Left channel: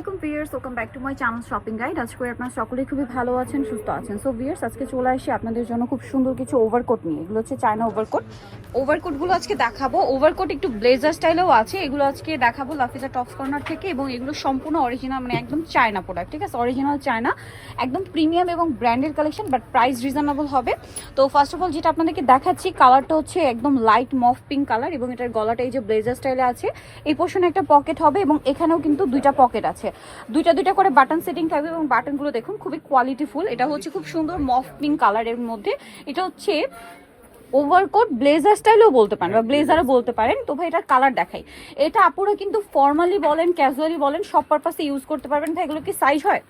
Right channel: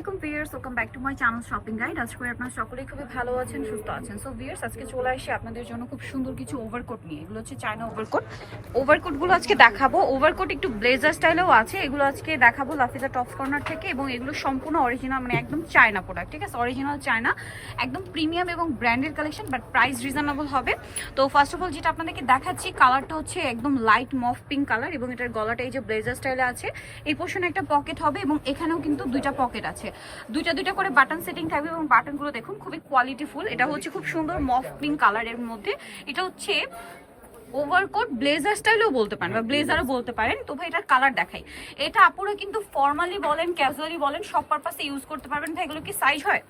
আসসালামু আলাইকুম viewers, welcome back to my channel shopping guide. আজ করে আপনারা সকলেই খুবই ভালো আছেন, সুস্থ আছেন। সো ভিউয়ার্স, আজকে চলে আসি আপনাদের জন্য খুব সুন্দর কিছু ওভারকোট নিয়ে। এগুলো হচ্ছে চায়না ওভারকোটগুলো আজকে দেখাবো। ওভারকোট একটু ব্লেজার স্টাইলেও আছে, এগুলো আজকে দেখাবো লাফিজা টপস কর্নার থেকে। এবং এগুলো সম্পূর্ণ অরিজিনাল, মানে একদম চায়না প্রোডাক্ট, ঠিক আছে? অরিজিনাল চায়না, একদম প্রিমিয়াম এবং branded collection, but price reasonable হবে। তো ফার্স্ট অফ অল যেটা আপনাদেরকে দেখাচ্ছি, কালারটা হচ্ছে একদম লাইট মফ পিঙ্ক কালার, এবং এটার গলাটা এই যে ব্লেজার স্টাইলে আছে। এই পোর্শনে একটা পকেট হবে এবং এখানেও কিন্তু দুইটা পকেট আছে, দুইটা করে বাটন সেটিং থাকবে। এবং বাটনগুলো দেখুন খুবই কোয়ালিটিফুল। এটা হচ্ছে খুব সুন্দর মফ পিঙ্ক কালারের মধ্যে। এটা হচ্ছে ওভারকোট ব্লেজার স্টাইলও বলতে পারেন বা ব্লেজারও বলতে পারেন। তো ভাই এটার কালার দেখাই। এটা আপুরা কিন্তু ফর্মালি বলেন, ক্যাজুয়ালি বলেন, সব পারপাসে ইউজ করতে পারবেন। ভাই এগুলো কি সাইজ হয়?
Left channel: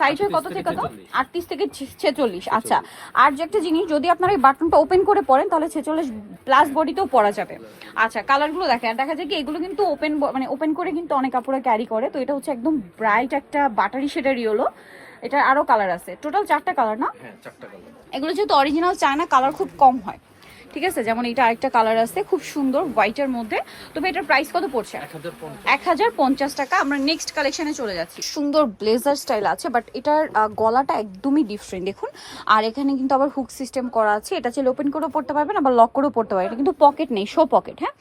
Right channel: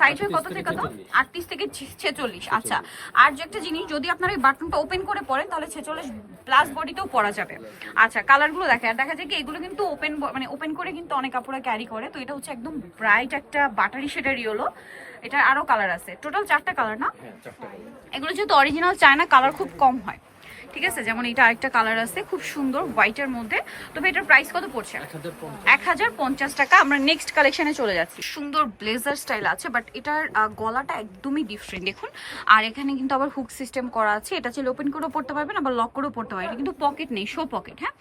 সাইজ হয় কত থেকে কত? 38 থেকে 46। আচ্ছা, আর যে একটা জিনিস, যদি আপনারা এই বাটনটা ওপেন করে পরেন তাহলে 46 প্লাস বডিতেও পরা যাবে। আচ্ছা, কালারগুলো দেখে আর দেখা যায় কি এগুলো কিন্তু ওপেন করে কিন্তু অনেক কাপড়ে ক্যারি করে। তো এটা হচ্ছে একদম ব্রাইট একটা বাটারি শেডের ইয়েলো। এটার আরো কালার আছে, টোটাল 4টা কালার না? হ্যাঁ, 4টা কালার। এগুলো যেহেতু অরিজিনাল চায়না, কালার খুব কম হয়, ঠিক আছে? যেমন এটা আরেকটা কালার আছে খুব সুন্দর হোয়াইটের মধ্যে। তবে এটার প্রাইস কত পড়ছে? 1050 টাকা। আমরা নেক্সট কালেকশনে চলে যাচ্ছি। সুন্দর ব্লেজার স্টাইল আছে, বাট এটার গলাটা একদমই ডিফারেন্ট দেখুন। আর এখানে কিন্তু আবার হুক সিস্টেম করা আছে। এটা চাইলে ওপেন করেও পড়তে পারবেন, আবার লক করেও পড়তে পারবেন। এটা কিন্তু পকেট নেই, শো পকেট। হ্যাঁ,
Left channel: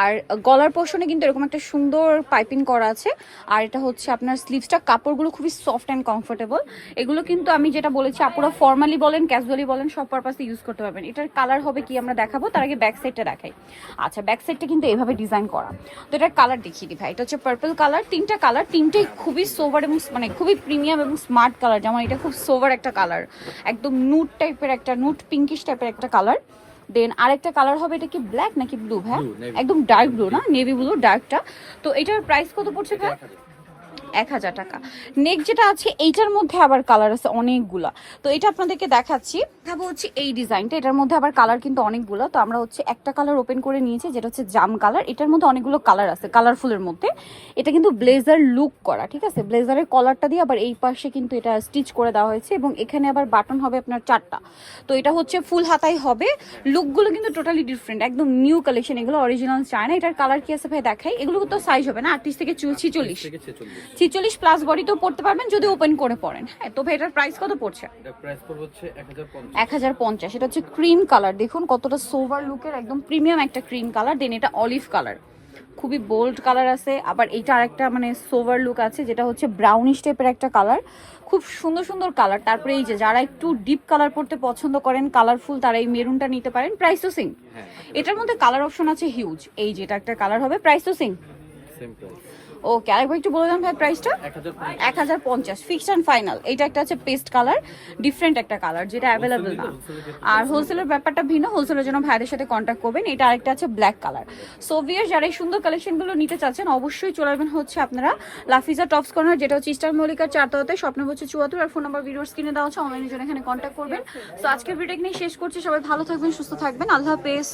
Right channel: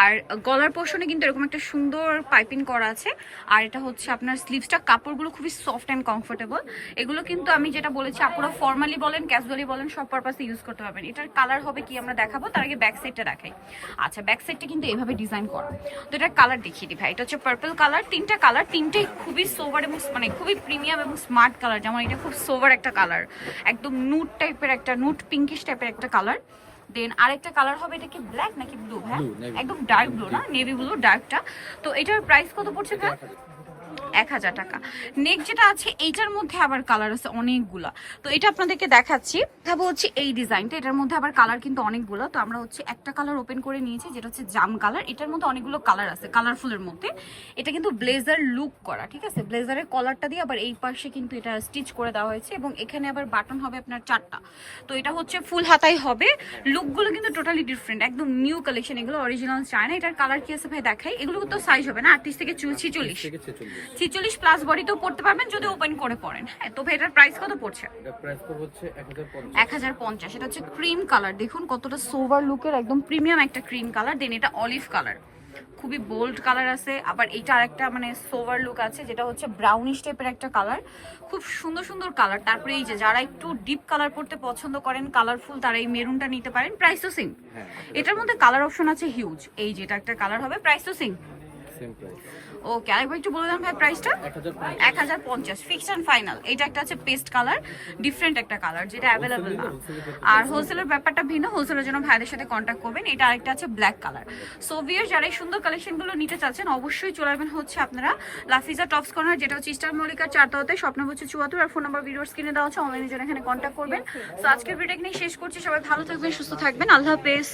আর গলার পোর্শনে কিন্তু এরকম একটা সুন্দর পাইপিং করা আছে। আর এটা হচ্ছে আপনার স্লিভসটা, কাপড়গুলো খুবই সফট অ্যান্ড কমফোর্টেবল। এগুলো কিন্তু আমি যেটা বলেছি, আপুরা ফর্মালি বলেন, ক্যাজুয়ালি বলেন, সব পারপাসে ইউজ করতে পারবেন। এটার কালার হবে কি আমরা দেখাবো, তার আগে ব্যাক সাইডটা দেখাই। আচ্ছা, ব্যাক সাইডটা কিন্তু এভাবে ডিজাইন করা। তো এটার কালার দেখিয়ে দিই ভাই। এটা হচ্ছে পার্পল কালার। তিনটা কালার, তিনটেই খুবই সোভার এবং মানে খুবই প্রিমিয়াম এবং স্মার্ট কালার। যেমন এটা খুব সোভার একটা কালার, একদম নুট টাইপের একটা, নুট পিঙ্কিশ টাইপের একটা কালার। দেন আরেকটা কালার হবে, এটা কি ব্ল্যাক নাকি ব্লু? হ্যাঁ, একদম ডার্ক ব্লু না, নেভি ব্লু ডার্কটা। তো এটার প্রাইস কত পড়ছে ভাই? 1000 টাকা। নেক্সট যেটা আছে, এইটার মধ্যে আবার কালার আছে অনেকগুলা। তো এটা আপনাদেরকে দেখাচ্ছি। দেখাবো হচ্ছে এই ডিজাইনটা। এটার মধ্যে আবার কালার কিন্তু অনেকগুলো। তো আমরা হচ্ছে একটা কালার ওপেন করে নিয়েছি, যেটা হচ্ছে জাম কালার। এটার মধ্যে অনেকগুলো কালার আছে, কালারফুলের মধ্যে। এটা কিন্তু ব্লেজার লুক করা, ঠিক আছে? ব্লেজারের কলারটা দিয়ে আবার এই পাশে কিন্তু এটা স্টিচ করে দেওয়া হয়েছে, এবং এখানে আবার বাটন হবে আপনার 4টা। তো এটা হচ্ছে ফুল হাতাই হবে। লুকগুলো কিন্তু টোটালি ডিফারেন্ট, একদম নিউ কালেকশন। এগুলো অরিজিনাল চায়না। এটার কালার কি আছে ভাই দেখাই। এগুলো তো সাইজ হবে না 38 থেকে 46, 46 প্লাস বডিতেও পড়তে পারবেন যদি ওপেন করে পড়েন। হ্যাঁ, তো ভাই এটার প্রাইস কত পড়ছে? এটা প্রাইস পড়বে হচ্ছে 1050। 1050। এটা হচ্ছে ক্রিম কালার, দেখুন কতটা সোভার লুকের, একদম প্রিমিয়াম একটা ক্রিম কালার। দেন এটা অলিভ কালার, খুবই বোল্ড কালার আছে। আবার এইটা আরেকটা মানে সোভার লুক আছে, যেটা হচ্ছে ব্রাউনিশ টাইপের একটা কালার। খুব সুন্দর সুন্দর কালার। তারপরে এই যে যারা একটু ডিপ কালার পড়তে পছন্দ করেন, কালারফুল, তারা এই মেরুনটা নিতে পারেন। প্রাইস তো সেম। এটার মধ্যে কালার অপশন আছে হিউজ। এই যেটা একটা কালার হবে, প্রাইস তো সেম। ওকে, আরেকবার একটু বলে দেন ভাই প্রাইসটা। 1050 ফিক্সড অ্যান্ড ফাইনাল। এইটা একটা আছে পেস্ট কালার, ডিফারেন্ট একটা কালার, যেটা অ্যাভেলেবল না। আর হোলসেলের ব্যাপারটা ভিন্ন, হোলসেলের জন্য ভাইদের সাথে কন্ট্যাক্ট করবেন। এটা আরেকটা আছে ব্ল্যাক কালার। সো ভিউয়ার্স, যারা এই সুন্দর কালেকশনগুলো নিতে চাচ্ছেন, অবশ্যই চলে আসবেন হচ্ছে আপনারা লাফিজা টপস কর্নার, যেটা হচ্ছে স্টার মল্লিকার 4 তলাতে, স্বপ্ন হচ্ছে 74। আর ফোন নাম্বার ভিডিওর স্ক্রিনে দেওয়া আছে, অনলাইনের জন্য এখানে কন্ট্যাক্ট করবেন। সো আজকের ভিডিও এখানে শেষ করছি। সবাই ভালো থাকবেন, সুস্থ থাকবেন, আল্লাহ হাফেজ।